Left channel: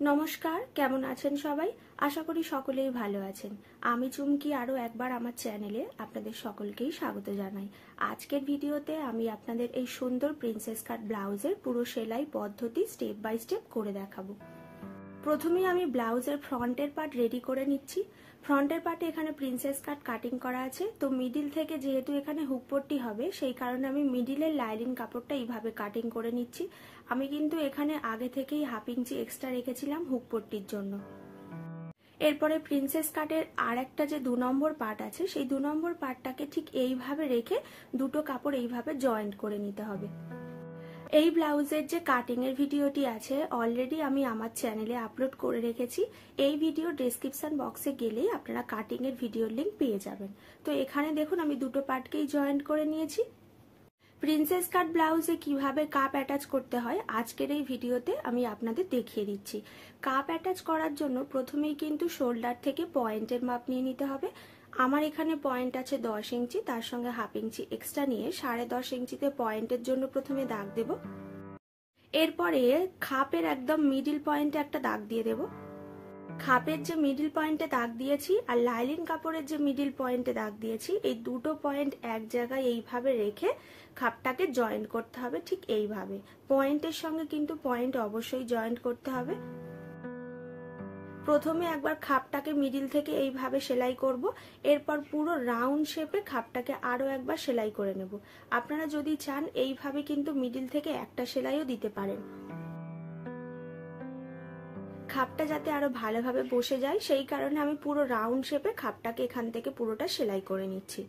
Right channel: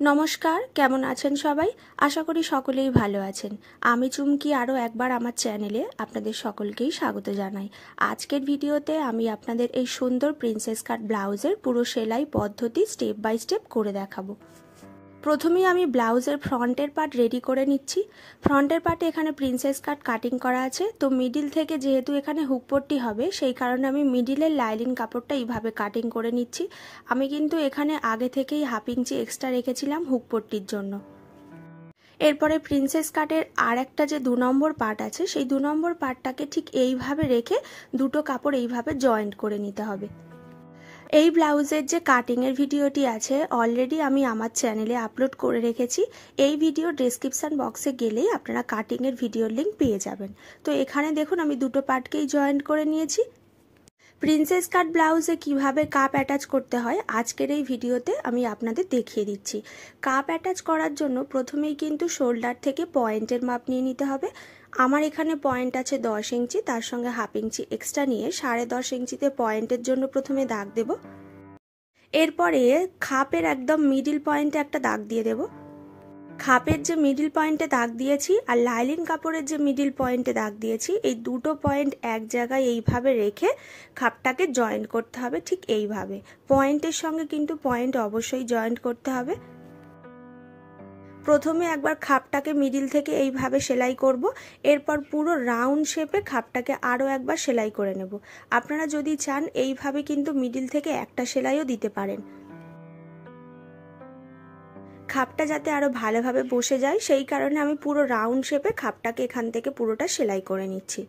নমস্কার, কেমন আছেন সবাই? আশা করি সকলেই ভালো আছেন। আমি চুমকি আরও একবার আমার চ্যানেলে আপনাদের সকলকেই স্বাগত জানাই। আজকের ভিডিওতে আমি আপনাদের এই সুন্দর প্রিন্সেস কাট ব্লাউজের পুরো সেলাই পদ্ধতি স্টেপ বাই স্টেপ করে দেখাবো। প্রথমেই আমি ব্লাউজের ফ্রন্টের পার্ট রেডি করে নিচ্ছি। ফ্রন্টের পার্টে এখানে প্রিন্সেস কাট কাটিং করা আছে, তো মিডিল থেকে যেহেতু এখানে হুক পট্টি হবে সেই কারণে আমি মিডিলের লাইলিন কাপড়টা এইভাবে কাটিং করে নিচ্ছি। আমি কিন্তু এখানে আগে থেকেই 1/2 ইঞ্চি এক্সট্রা রেখেছিলাম হুক পট্টির জন্য। এরপরে প্রিন্সেস কাটের আর একটা যে 2 নম্বর পার্ট আছে সেই 2 নম্বর পার্টটাকে ঠিক এইভাবে রেখে দুটো কাপড় এইভাবে জয়েন্ট করে নিতে হবে। এই ব্লাউজের যে কাটিংয়ের ভিডিওটি আছে অলরেডি আমি আমার চ্যানেলে আপলোড করে রেখেছি। এই ভিডিও ডেসক্রিপশন বক্সে গেলেই আপনারা কাটিংয়ের ভিডিওর লিঙ্ক পেয়ে যাবেন। তো এখানে দেখুন আমি দুটো পার্টকেই জয়েন্ট করে নিয়েছি। প্রিন্সেস কাট ব্লাউজে কিভাবে কাপ অ্যাটাচ করতে হয় আজকের এই ভিডিওতে আমি আপনাদের দেখিয়ে দিচ্ছি। কাপ অ্যাটাচ করার জন্য প্রথমেই কিন্তু শোল্ডার থেকে পয়েন্টের মাপ নিয়ে নিতে হবে। আমার এখানে পয়েন্ট আছে 10 ইঞ্চি, তার সঙ্গে 1/2 ইঞ্চি এক্সট্রা নিয়ে 10.5 ইঞ্চিতে পয়েন্টের জন্য প্রথমে দাগ দেব। এরপরে খাপের একদম মিডিল পয়েন্টে একটা দাগ দিয়ে দেব। খাপের যে মিডিল পয়েন্টে দাগ দিয়েছি আর লাইলিন কাপড়ের যে মিডিল পয়েন্টে দাগ দিয়েছি এই দুটো পয়েন্ট এক জায়গায় এইভাবে রেখে খাপটাকে জয়েন্ট করতে হবে। ঠিক এইভাবে পয়েন্টের সঙ্গে কিন্তু পয়েন্ট অবশ্যই জয়েন্ট করতে হবে। প্রথমে একবার খাপটাকে মিডিল থেকে এইভাবে সেলাই করব, এরপর পুরো রাউন্ড শেপে খাপটাকে আরও একবার সেলাই করে নেব। আপনারা যদি চান এইভাবে কিন্তু মিডিল থেকে একটা সেলাইও দিতে পারেন। খাপটা যাতে আরো ভালোভাবে বসে যায় সেই কারণে আমি পুরো রাউন্ড শেপে খাপটাকে এখান থেকে পুরোটা সেলাই করে নিচ্ছি।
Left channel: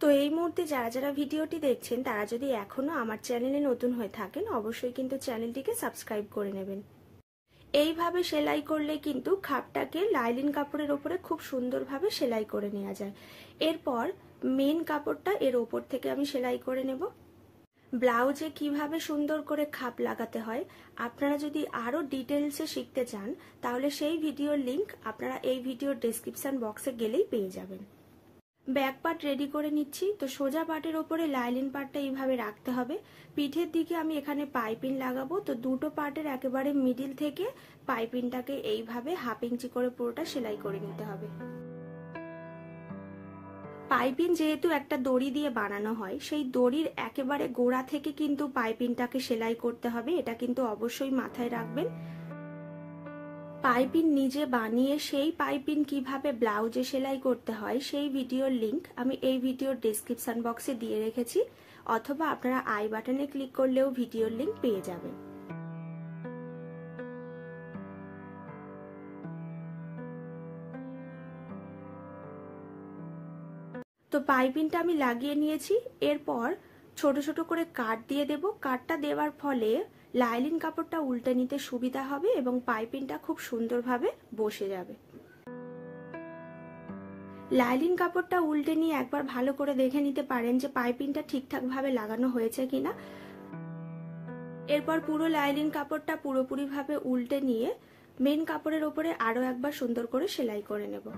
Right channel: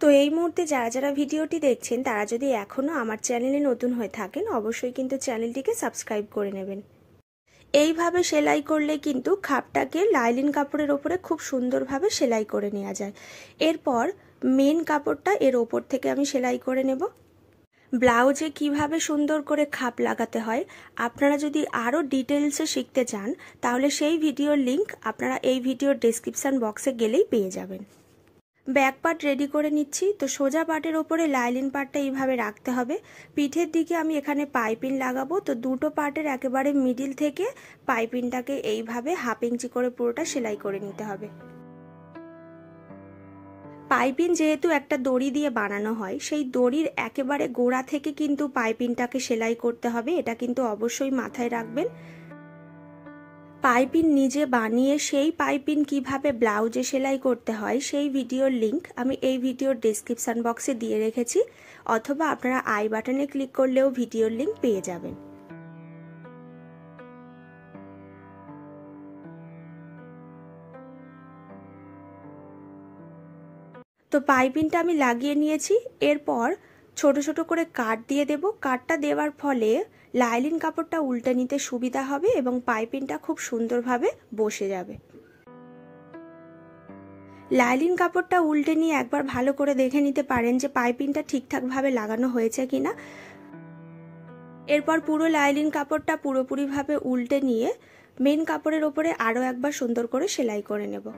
তো এই মুহূর্তে যারা যারা ভিডিওটি দেখছেন তারা যদি এখনো আমার চ্যানেলে নতুন হয়ে থাকেন অবশ্যই কিন্তু চ্যানেলটিকে সাবস্ক্রাইব করে নেবেন। এইভাবে সেলাই করলে কিন্তু খাপটাকে লাইলিন কাপড়ের ওপরে খুব সুন্দরভাবে সেলাই করে নেওয়া যায়। এরপর মেন কাপড়টা এর ওপর থেকে আমি সেলাই করে নেব। ব্লাউজে কিভাবে সুন্দর করে খাপ লাগাতে হয় আপনারা যদি আরও ডিটেলসে শিখতে চান তাহলে সেই ভিডিওর লিংক আপনারা এই ভিডিওর ডেসক্রিপশন বক্সে গেলেই পেয়ে যাবেন। ব্যাক পার্ট রেডি করে নিচ্ছি। তো সোজা পার্টের ওপরে লাইলিন পার্টটা এইভাবে রাখতে হবে। পিঠের দিকে আমি এখানে পাইপিন লাগাবো, তো দুটো পার্টের একেবারে মিডিল থেকে পাইপিনটাকে এইভাবে 1/2 ইঞ্চি করে পুরোটা সেলাই করে নিতে হবে। পাইপিন যেহেতু একটা দড়ি দিয়ে বানানো হয় সেই দড়ির একেবারে গোড়া থেকে কিন্তু পাইপিনটাকে সেলাই করতে হবে, এটা কিন্তু অবশ্যই মাথায় রাখবেন। পাইপিন নিজে বানিয়ে সেই পাইপিন কিভাবে ব্লাউজে সেলাই করতে হয় সেই ভিডিওর লিংক আমি এই ভিডিওর ডেসক্রিপশন বক্সে দিয়ে রেখেছি, অথবা আপনারা আই বাটনে ক্লিক করলেও ভিডিওর লিংক পেয়ে যাবেন। তো পাইপিনটা আমি লাগিয়ে নিয়েছি। এরপর ছোট ছোট করে কাট দিয়ে দেব। কাটটা দেওয়ার ফলে লাইলিন কাপড়টা উল্টে নিতে সুবিধা হবে এবং পাইপিনটা খুব সুন্দরভাবে বসে যাবে। লাইলিন কাপড়টা উল্টে নিয়ে একবার ভালো করে দেখে নিতে পারেন যে পাইপিনটা ঠিকঠাকভাবে লাগানো হয়েছে কিনা। এরপর পুরো লাইলিন কাপড়টা পুরোপুরিভাবে উল্টে নিয়ে মেন কাপড়ের ওপরে আরও একবার সুন্দর করে সেলাই করে নেব।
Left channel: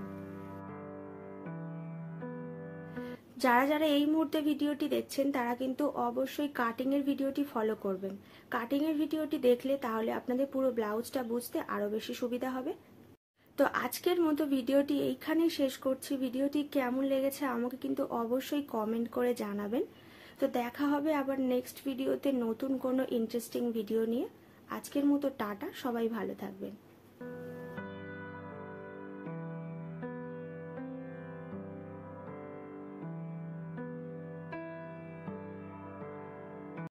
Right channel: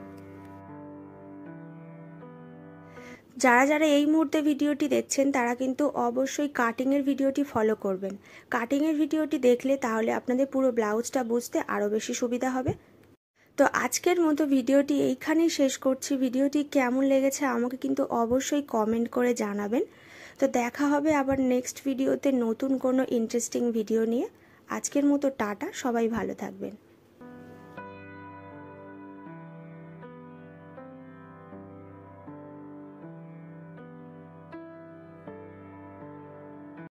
যারা যারা এই মুহূর্তে ভিডিওটি দেখছেন তারা কিন্তু অবশ্যই কাটিংয়ের ভিডিওটি ফলো করবেন। কাটিংয়ের ভিডিওটি দেখলে তাহলে আপনাদের পুরো ব্লাউজটা বুঝতে আরও বেশি সুবিধা হবে। তো আজকের মতো ভিডিওটি এইখানেই শেষ করছি। ভিডিওটি কেমন লেগেছে আমাকে কিন্তু অবশ্যই কমেন্ট করে জানাবেন। তো দেখা হবে আবার নেক্সট ভিডিওতে নতুন কোনো ইন্টারেস্টিং ভিডিও নিয়ে। আজকের মতো টাটা, সবাই ভালো থাকবেন।